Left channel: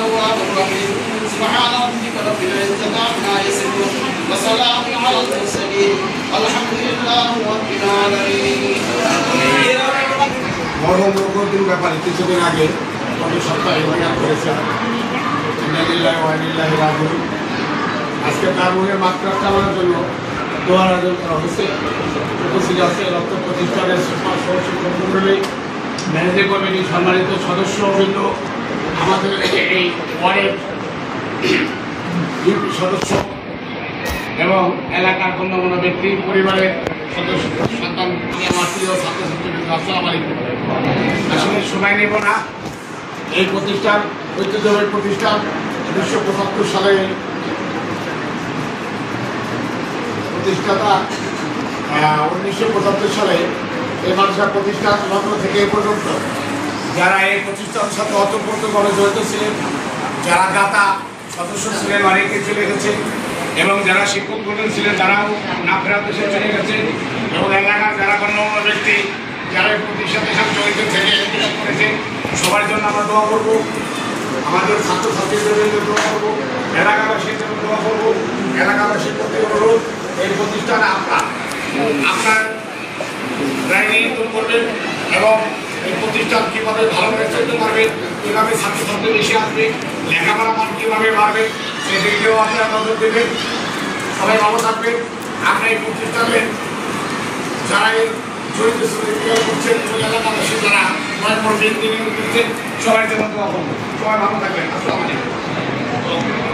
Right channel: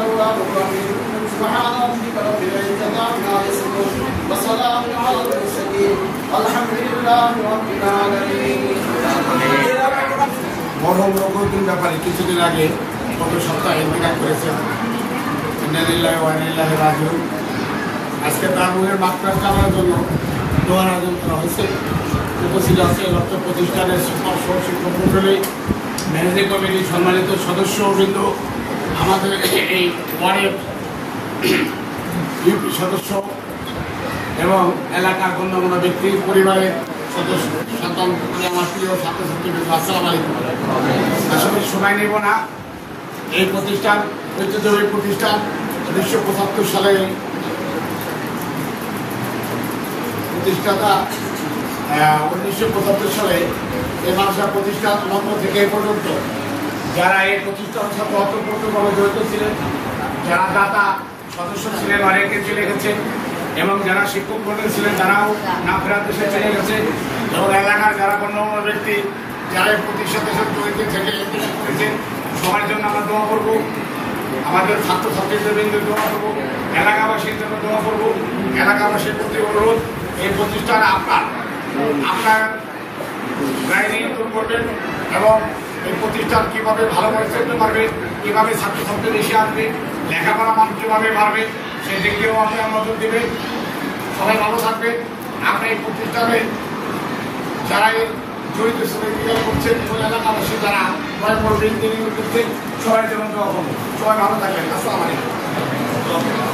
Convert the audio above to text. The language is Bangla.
التواب الرحيم سبحان ربك رب العزة عما يصفون وسلام على المرسلين والحمد لله رب العالمين মরহুম রকমতুল ব্যাপারে কিছুদিন আগে গত সপ্তাহে ইন্তেকাল করেছেন। আজকে তার মুখের মাত্রা চালানোর জন্য দোয়ার আয়োজন করা হয়েছে। উপস্থিত আছে রক্ত প্রতিষ্ঠানের সুপার শিক্ষক মন্ডলী, ম্যানেজিং কমিটির সম্মানিত সদস্যবৃন্দ, আমাদের এই ওয়ার্ডের ইউপি সদস্য এবং এলাকার গণ্যমান্য ব্যক্তি, পরিবারের সদস্য, সন্তান, আমার প্রিয় ছাত্রছাত্রী, আসসালামু আলাইকুম। আসলে সময় নেব না। এই প্রতিষ্ঠান ঐতিহ্যবাহী প্রতিষ্ঠান 1975 সালে প্রতিষ্ঠাতা 1975 সালে এই মাদ্রাসা প্রতিষ্ঠান লগ্ন থেকে এ পর্যন্ত যারা এই প্রতিষ্ঠানের সাথে অতপ্রতভাবে জড়িত ছিলেন, যারা দাতা সদস্য ছিলেন অনেকে চলে গেছেন এবং যারা শিক্ষক মন্ডলী ছিলেন তারাও না ফেরার দেশে চলে গেছেন এবং এলাকার যারা গণ্যমান্য ব্যক্তি যারা এই প্রতিষ্ঠানের সাথে জড়িত থেকে ইন্তেকাল করেছেন সবার জন্য আমরা দোয়া করবো। আমাদের ছাত্রছাত্রীদের জন্য দোয়া করবো, এলাকাবাসীর জন্য দোয়া করবো। এলাকাবাসীর প্রতি অনুরোধ, এই প্রতিষ্ঠানে আপনার রায় দূর করবেন এবং এই প্রতিষ্ঠান কীভাবে ভালোভাবে চলতে পারবে, কীভাবে ছাত্রছাত্রী বেশি আসবে, লেখাপড়া মান কীভাবে বাড়বে, সেই দিক দিয়েও আপনারা নজর দেবেন। সবাই ভালো থাকবেন। আমরা এই প্রতিষ্ঠানের যারা জড়িত করছেন এবং এলাকাবাসী যারা বড় বড় বিল্ডিং দিচ্ছেন সবাই জন্য দোয়া করবো। সবাই ভালো থাকবেন। আসসালামু আলাইকুম।